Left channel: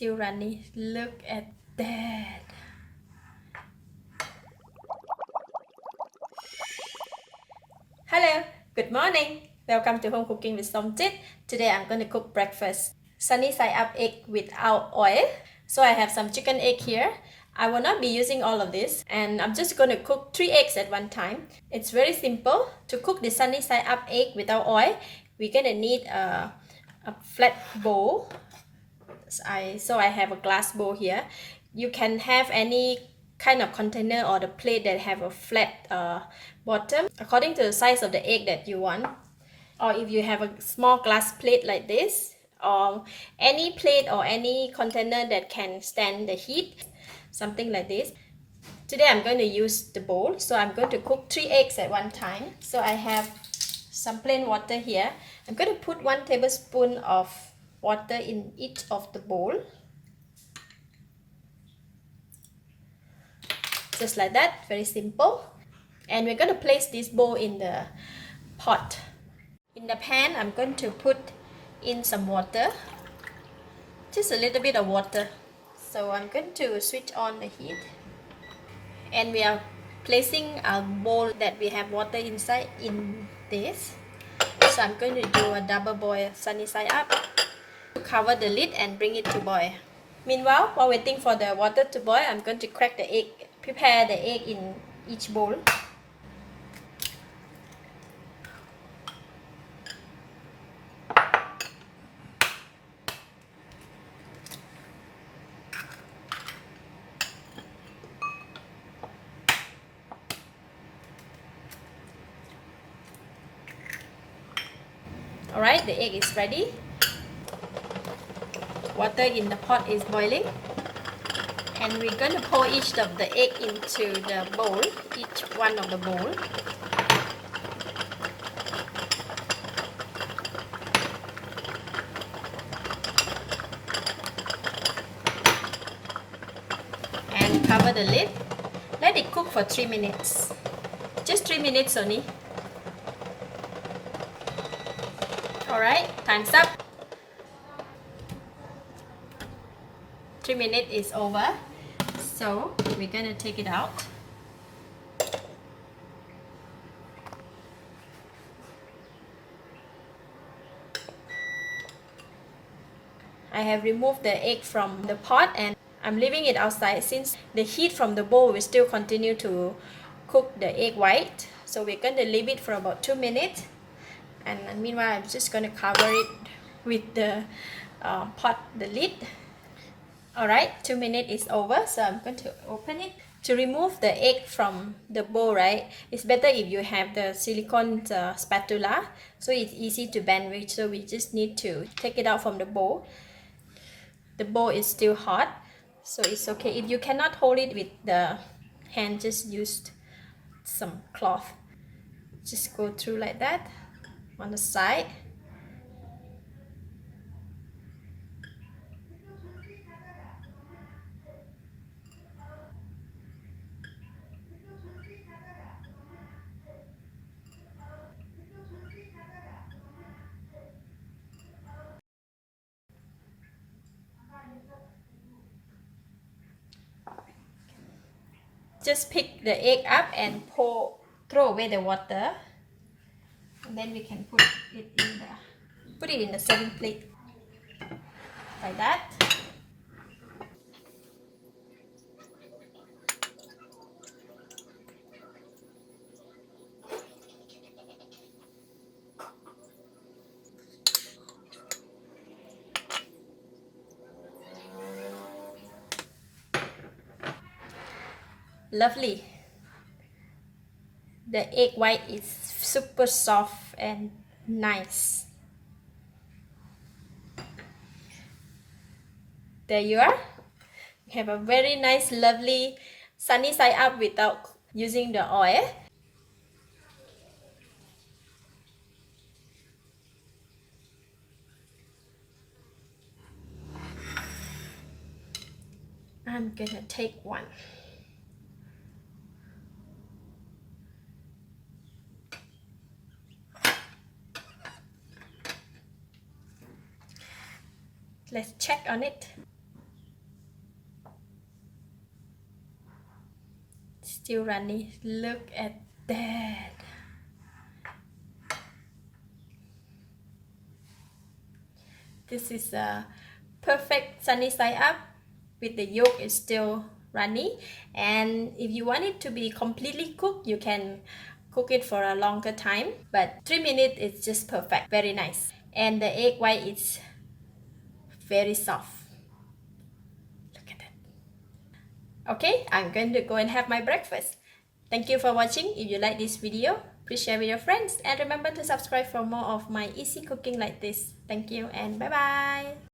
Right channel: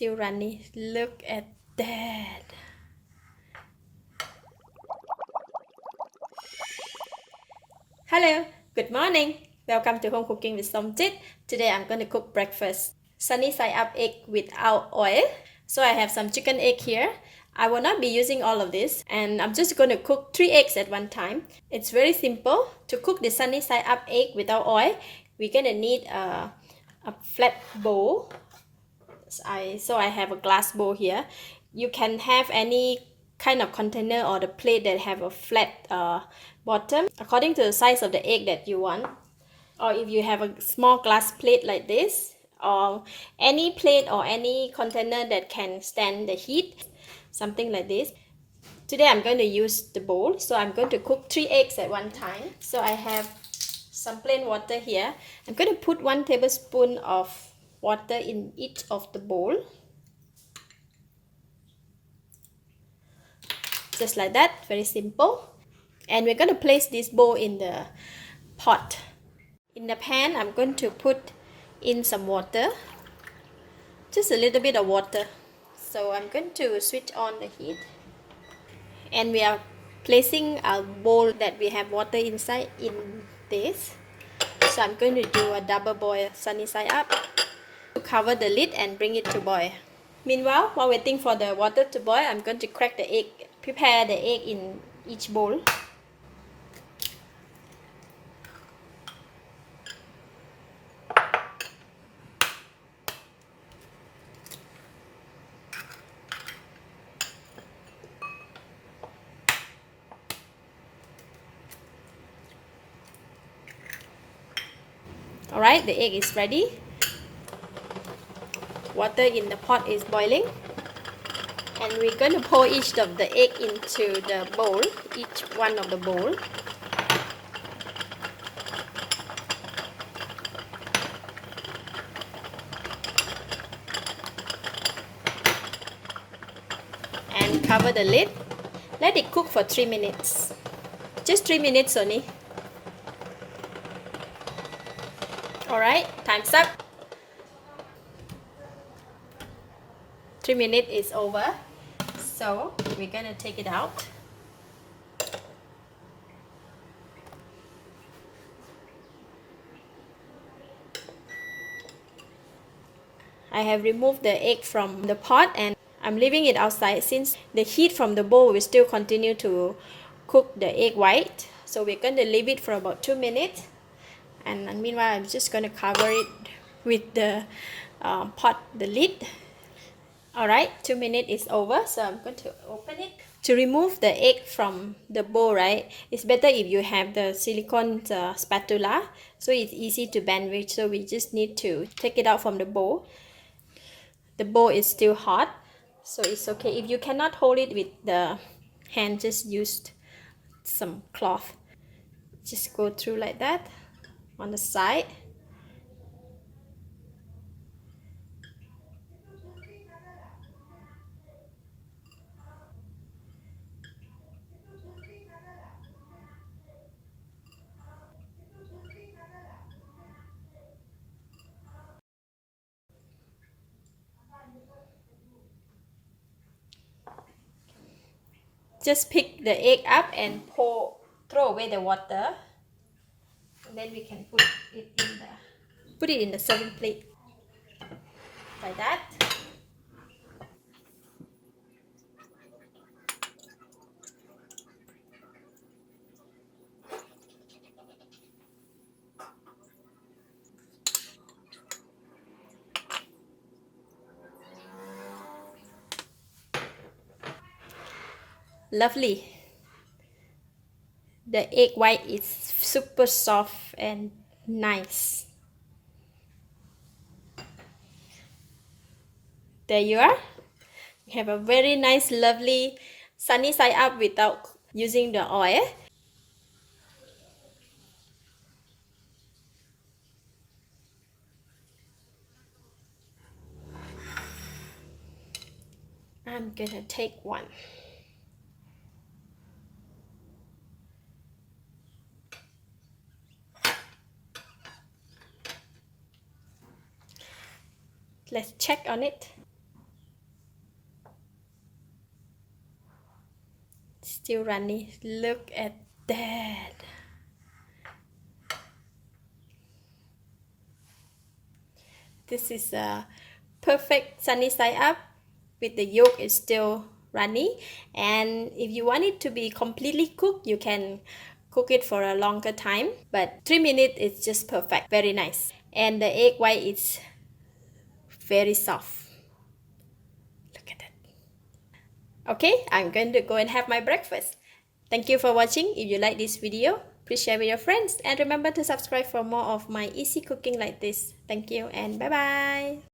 Still runny. Look at that. Hello, good morning. Welcome to Home Cooking with Somjit. Today I'm going to cook breakfast. Sunny side up egg without oil. So I have some chicken egg here. I will not be using all of this, and I'm just going to cook 3 eggs at one time. It's very simple. To cook the sunny side up egg without oil, we're going to need a flat bowl. So I have a glass bowl here. You can have any kind of container or the plate that have a flat bottom according to the size of the egg that you want, or if you have a small glass plate like this, or any plate or any container that can stand the heat, something like this. Today I'm going to use the bowl, so I'm going to cook 3 eggs at one time. So I have some plain water here. I'm going to put 1 tablespoon of water in each of the bowl, just like that. Very simple. And we're going to place this bowl in the pot. In the pan, I'm going to put in some water, just a little bit of water. So I'm going to switch on the heat, and we are placing our bowl that we have water inside in this. So I'm going to do a double boil, sunny side up. Cover the lid and bring it to boil. Meanwhile, while waiting for the water to boil, I'm going to crack the egg. Prepare the egg in each bowl. Alright, the egg is ready. Water in the pot is boiling, and we're going to pour each of the egg into the bowl, each one of the bowl. And cover the lid. Let it cook for 3 minutes. Just 3 minutes only. Alright, time's up. 3 minutes is over. So we're gonna take it out. I have removed the egg from the pot, and I'm leaving it outside since the heat from the bowl will still continue to cook the egg white. So we're going to leave it for about 2 minutes, and meanwhile I'm just going to cover it with the the lid. Alright, 2 minutes is over, so I'm going to open it. To remove the egg from the bowl, right, it's better if you have the silicone spatula, so it's easy to bend with. So we just need to take it out from the bowl. The bowl is still hot, so it's okay. If you cannot hold it with the hand, just use some cloth. Just go through like that on the side. Just pick the egg up and throw away the water, and then we can put it in the serving plate like that. Lovely. The egg white is super soft and nice. There you are. We have a very nice, lovely sunny side up without using the oil. I'm gonna take one. Let's check on it. still runny. Look at that. This is a perfect sunny side up with the yolk is still runny. And if you want it to be completely cooked, you can cook it for a longer time, but 3 minutes is just perfect. Very nice. And the egg white is very soft. Look at that. Okay, I'm going to go and have my breakfast. Thank you for watching. If you like this video, please share with your friends and remember to subscribe for more of my easy cooking like this. Thank you and bye bye.